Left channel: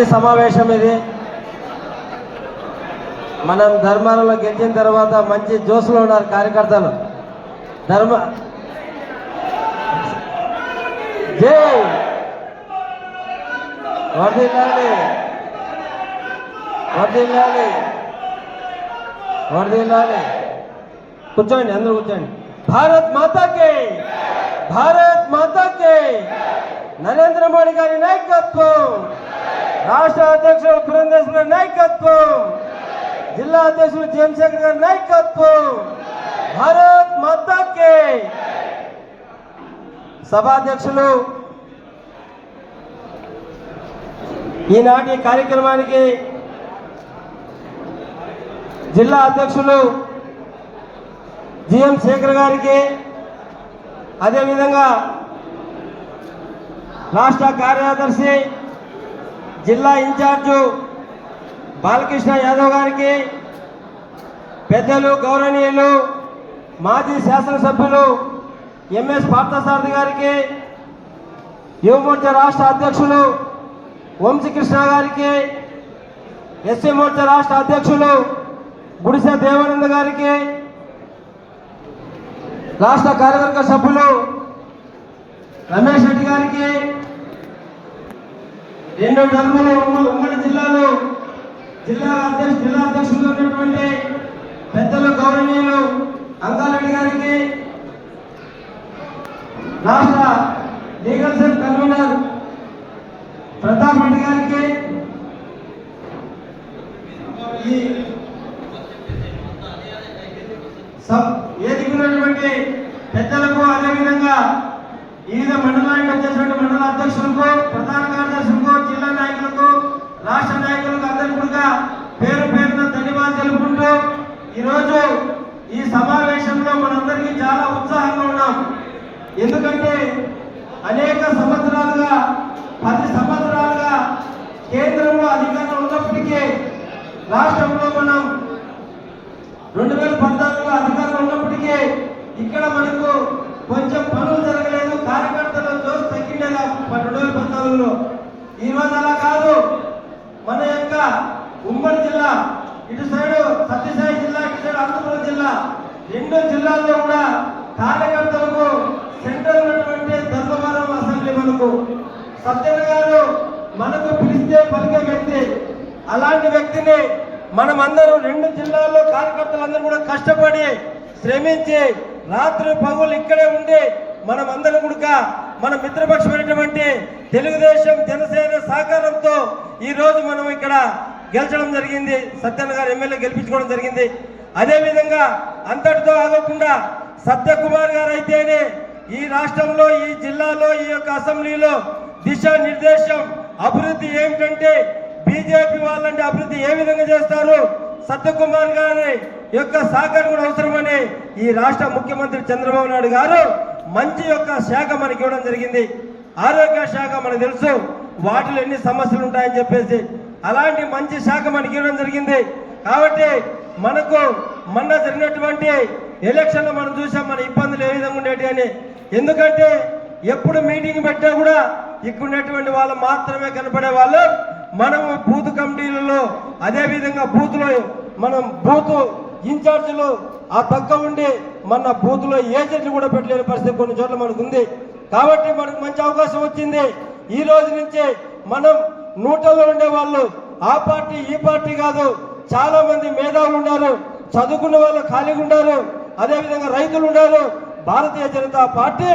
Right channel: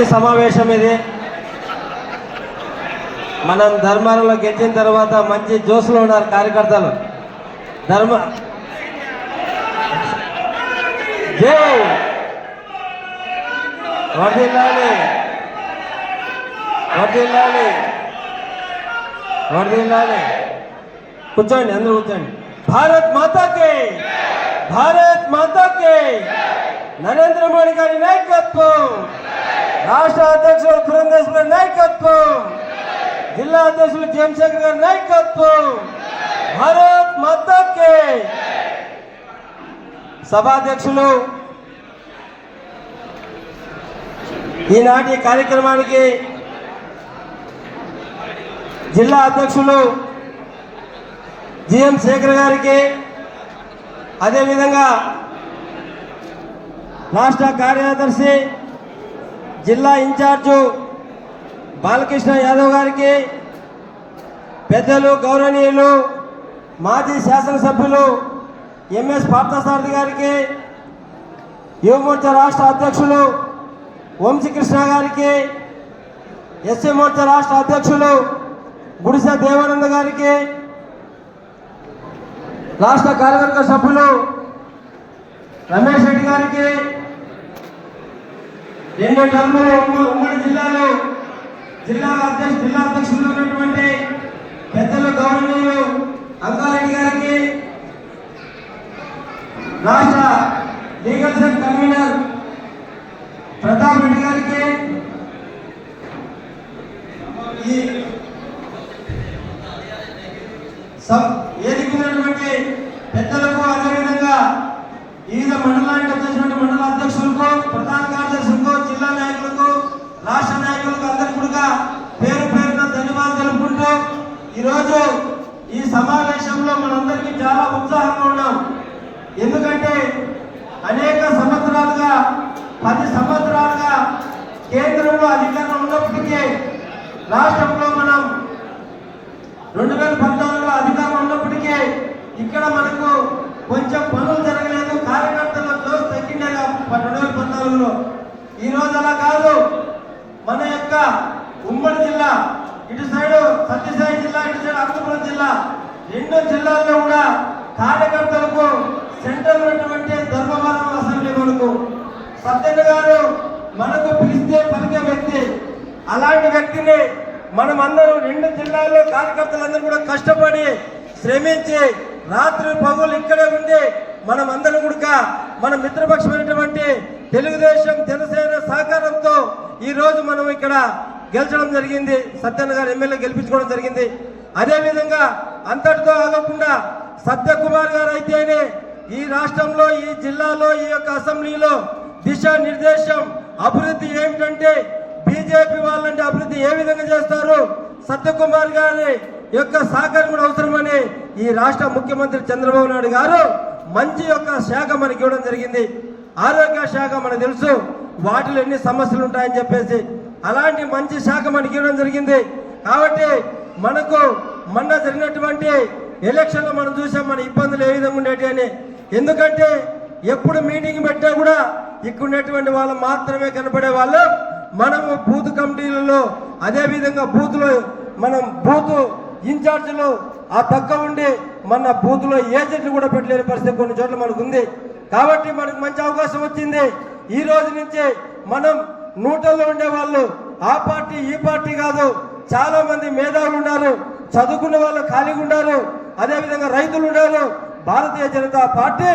మంచి సమావేశం ఇది. మనం ధర్మాలలో గెలిచిన తర్వాత మంచి జోసులో ఉన్నారు కార్యకర్తలు. ధర్మ జై! వర్దిల్లాలి వర్దిల్లాలి వర్దిల్లాలి కూర్చోండి అందరూ కూర్చోండి. భారత్ మాతాకి! భారత్ మాతాకి! నరేంద్ర మోడీ గారి నాయకత్వం! రాష్ట్ర అధ్యక్షుడు పురంధేశ్వర గారి నాయకత్వం. జిల్లా అధ్యక్షుడు జయశంకర్ గారి నాయకత్వం. భారత్ మాతాకి. సభాధ్యక్షులు ఈనాటి కార్యక్రమానికి జిల్లా అధ్యక్షులు జిఎం శేఖర్ గారికి అదేవిధంగా రాష్ట్ర కార్యదర్శి జిల్లా ఇన్ఛార్జు బాలకృష్ణ యాదవ్ గారికి పెద్దలు గౌరవనీయులు మాజీ శాసనసభ్యులు ఎంఎస్ పార్థసారథి గారికి యువమోర్చా రాష్ట్ర అధ్యక్షులు వంశీకృష్ణ గారికి ఎస్సీ మోర్చా రాష్ట్ర అధ్యక్షులు గుడిసె దేవానంద గారికి రాష్ట్ర కార్యవర్గ సభ్యులు రమేష్ రెడ్డి గారికి రెండు టర్ములు ఉమ్మడి జిల్లాలో జిల్లా అధ్యక్ష జిల్లా అధ్యక్షులు ఉన్నటువంటి పెద్దలు గౌరవనీయులు అంకారెడ్డి గారికి రాష్ట్ర legal cell convener Pratap Reddy గారికి ఈ సబ్ ఎదిగినటువంటి పెద్దలకు అదేవిధంగా వివిధ మండలానికి ఈరోజు ఈ సమావేశంలో మనందరికీ చాలా ఉత్సాహంగా ఉన్నాం. ఎందుకంటే అనేక సంవత్సరాలుగా పది సంవత్సరాలుగా కేంద్రంలో అధికారం ఉన్నప్పటికీ రాష్ట్రంలో మనం రెండు వేల పద్నాలుగులో అధికారం ఉన్నప్పటికీ ఇక్కడ మనకు కొంచెం పనులు జరగలేదు. కార్యకర్తల జోస్ తగ్గిండేగా రెండు వేల పద్నాలుగులో. ఈ రోజు అలా కాదు మన యొక్క ఉమ్మడి జిల్లా ఇటు సైడ్ సత్యసాయి జిల్లా ఇటు సైడ్ అనంతపురం జిల్లా ఎన్నో జిల్లాల్లో కూడా కార్యకర్తలకు సెంటర్ ఉన్నటువంటి ధర్మవరం అసెంబ్లీ మనకు సత్యన్న గారు మనకు పిలిస్తే పలికే వ్యక్తి అలాంటి వ్యక్తిని మనమందరం రెండు జిల్లాల్లో కార్యకర్తలందరూ కూడా కష్టపడి శ్రమించి రాత్రి పగులు ఇక్కడే ఉండి మనమందరం అందరం కూడా మన మిత్రపక్షమైనటువంటి తెలుగుదేశం జనసేన సహకారంతో ఈరోజు మనం ఇక్కడ గెలిచడం జరిగింది. సత్యన్న గారు ఎమ్మెల్యే గెలిపించుకోవడం జరిగింది. అదేవిధంగా అంతటితో ఆగకుండా సత్యకుమార్ గారు అయితేనే ఈ రాష్ట్రంలో ఈ జిల్లాలో ఈ యొక్క అసెంబ్లీలో దిశా నిర్దేశం అభివృద్ధి ఏమిటంటే బీజేపీ వాళ్ళంటే అభివృద్ధి ఏ విధంగా చేస్తారు? సత్యకుమార్ గారి యొక్క సహకారం కూడా అవసరమని ఈ రాష్ట్ర ముఖ్యమంత్రి చంద్రబాబు నాయుడు గారు మంచి యొక్క శాఖ మనకి ఇవ్వడం జరిగింది. ఆరోగ్య శాఖ మనకు తెలుసు వాటిలో ఎన్ని సమస్యలు ఉంటాయని చెప్పేసి. అలాంటి మంచి శాఖ మనకి ఇవ్వడం జరిగింది. కాబట్టి మనకు మొన్న జరిగినటువంటి ఎలక్షన్లో మనం చూసాం మన ఇబ్బందులు ఏ విధంగా ఉండేటి అని. ఎందుకంటే ఎప్పుడు మీటింగ్ పెట్టా కూడా ఇక్కడ ఉన్నటువంటి వాళ్ళు మాత్రమే కనపడే వాళ్ళు. మనము బూత్ కమిటీలలో అదేవిధంగా బూత్లో మనం బూత్ ఇన్ఛార్జీలు ఆ పక్క ఉండి మన బూత్లో ఏజెంట్లు కూడా పెట్టలేని పరిస్థితి కొన్ని చోట్ల మనకు ఉంది. కాబట్టి మనకు మంచి అవకాశం వచ్చింది. ఈ రోజు నుంచి మనం నూటల్లో ఉండే వాళ్ళు ఆ పార్టీ ఈ పార్టీ కాదు. చాలా మంది మేధావులు ఉన్నారు చదువుకున్న వాళ్ళు ఖాళీగా ఉన్నారు అదేవిధంగా రైతులు ఉన్నారు. భారతీయ జనతా పార్టీ